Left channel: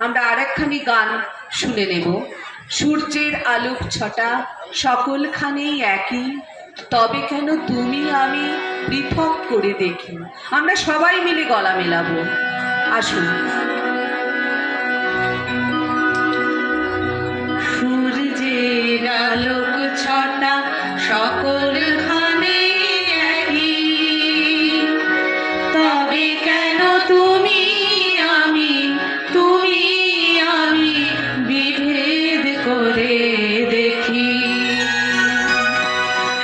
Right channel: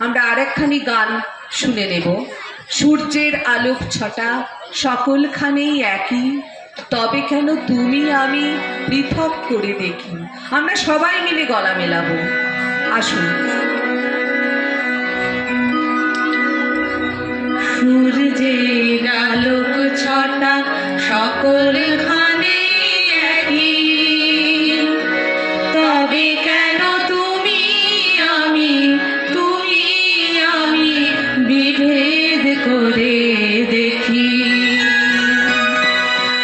আমরা আরেকখানি গান শুনে নেব। সূর্যের আলোক ছটা সকলখানেই একই, তবে কেন তুমি আমি পৃথক করে দেখি। আমরা সবাই মিলে গলা মেলাবো, আসুন। সূর্যের আলোক ছটা সকলখানে একই, তবে কেন তুমি আমি বিভেদ করে দেখি।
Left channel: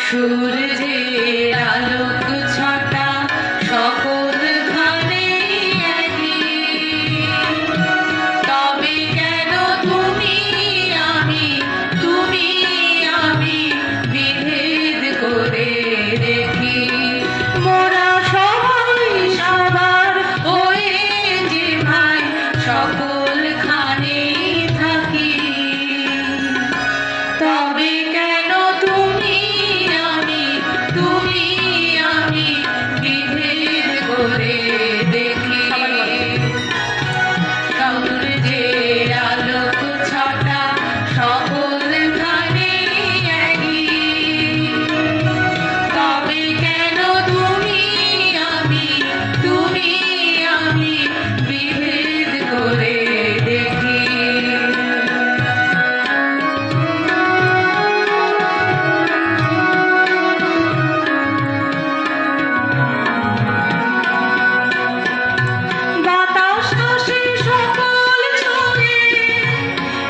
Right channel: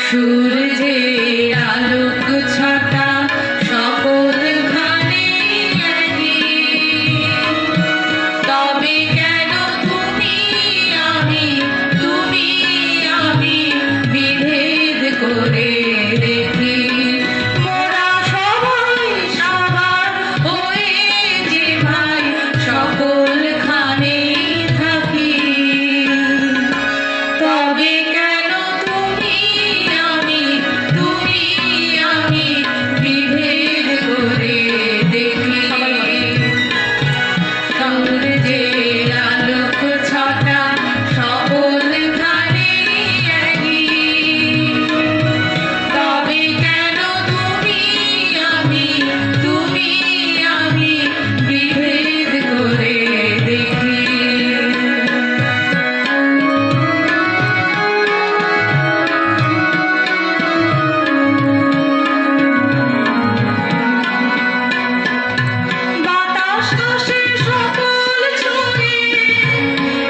সূর্যের আলোক ছটা সকলখানে একই, তবে কেন তুমি আমি বিভেদ করে দেখি। মোরা সবাই সবার হয়ে যে ভাই সকলখানে থাকি, তবে কেন তুমি আমি বিভেদ করে দেখি। সূর্যের আলোক ছটা সকলখানে একই, তবে কেন তুমি আমি বিভেদ করে দেখি। বাতাস আসে সকল ছুঁয়ে,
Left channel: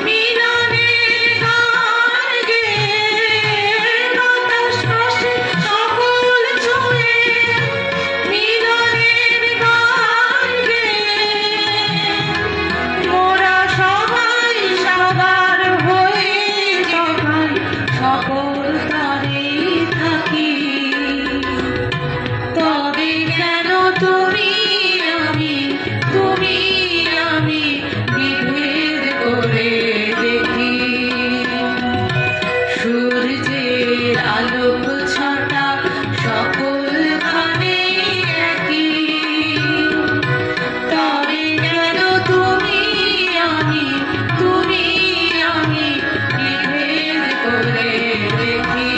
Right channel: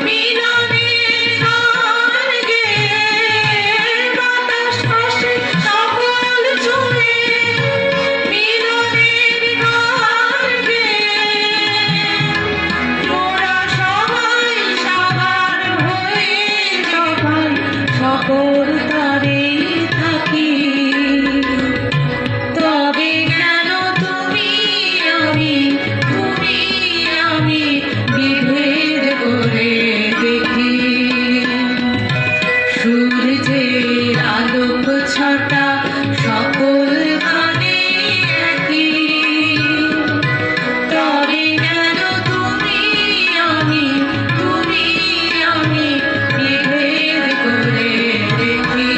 মিলনের গান গেয়ে। বাতাস আসে সকল ছুঁয়ে, মিলনের গান গেয়ে। মোরা সবাই সবার হয়ে যখন সকল তারেই থাকি, তবে কেন তুমি আমি বিভেদ করে দেখি। সূর্যের আলোক ছটা সকলখানে একই, তবে কেন তুমি আমি বিভেদ করে দেখি।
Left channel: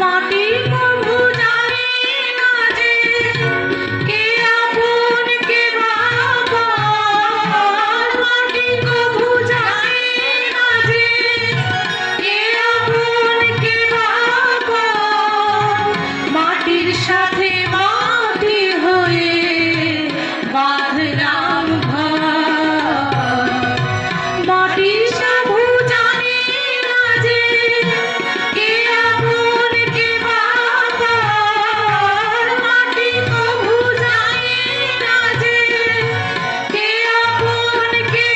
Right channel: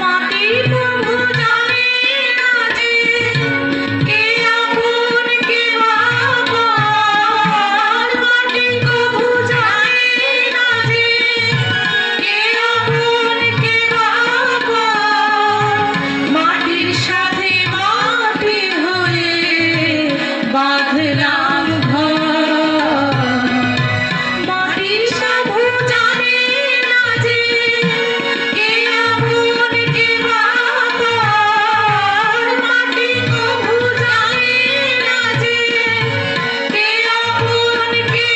মাটি কভু জানে না যে কে আপন কে আপন। মাটি কভু জানে না যে কে আপন কে আপন। মাটির সাথে মাটি হয়ে বাঁধলাম ঘর। মাটি কভু জানে না যে কে আপন কে আপন। মাটি কভু জানে না যে কে আপন কে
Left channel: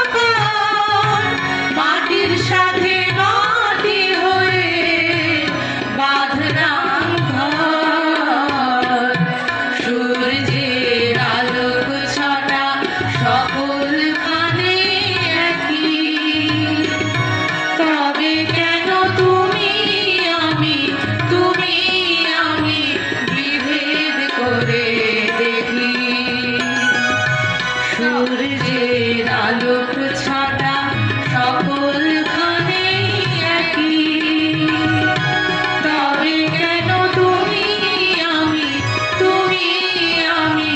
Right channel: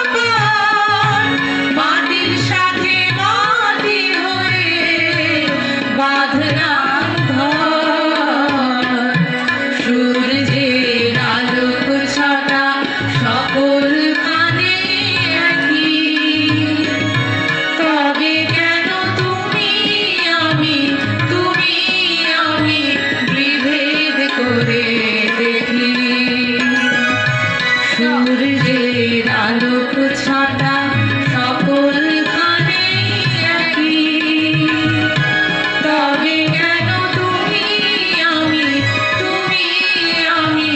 আপন। মাটির সাথে মাটি হয়ে বাঁধলাম ঘর। সূর্যের আলোক ছটা সকলখানে একই, তবে কেন তুমি আমি বিভেদ করে দেখি। সূর্যের আলোক ছটা সকলখানে একই, তবে কেন তুমি আমি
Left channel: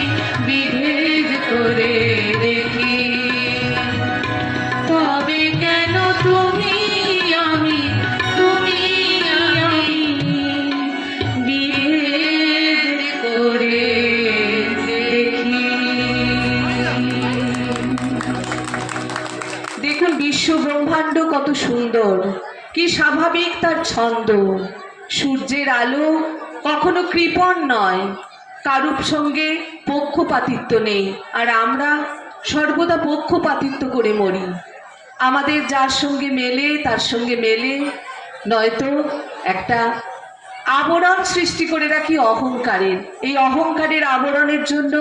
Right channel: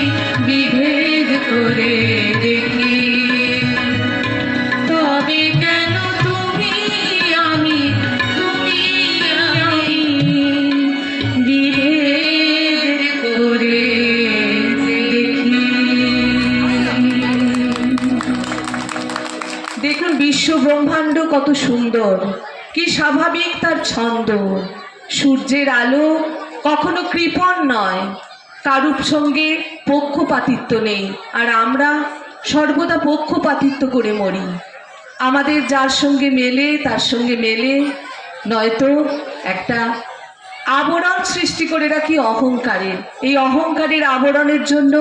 বিভেদ করে দেখি। তবে কেন তুমি আমি বিভেদ করে দেখি। দেখুন বিশ্ব ব্রহ্মাণ্ড কত সুন্দর, কি স্বাভাবিক তার ছন্দ। সূর্যের আলো কখনো কৃপণ নয়, কারুর সঙ্গে পক্ষপাতিত্ব নেই, আর আমরা সর্বদা পক্ষপাতিত্ব করে মরি। আমাদের যার সঙ্গে মেলে তার সঙ্গে মেলে, নয়তো একটা আবরণ সৃষ্টি করে রাখি অহংকারের। এই অহংকারের আবরণের জন্য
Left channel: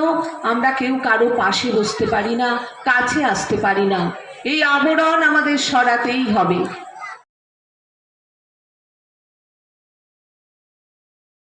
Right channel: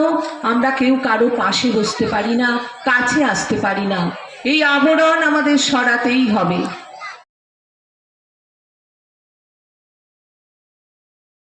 আমরা কেউ কারো পাশে বসতে পারি না, কাছে আসতে পারি না। এই আবরণ আমাদের সরাতেই হবে।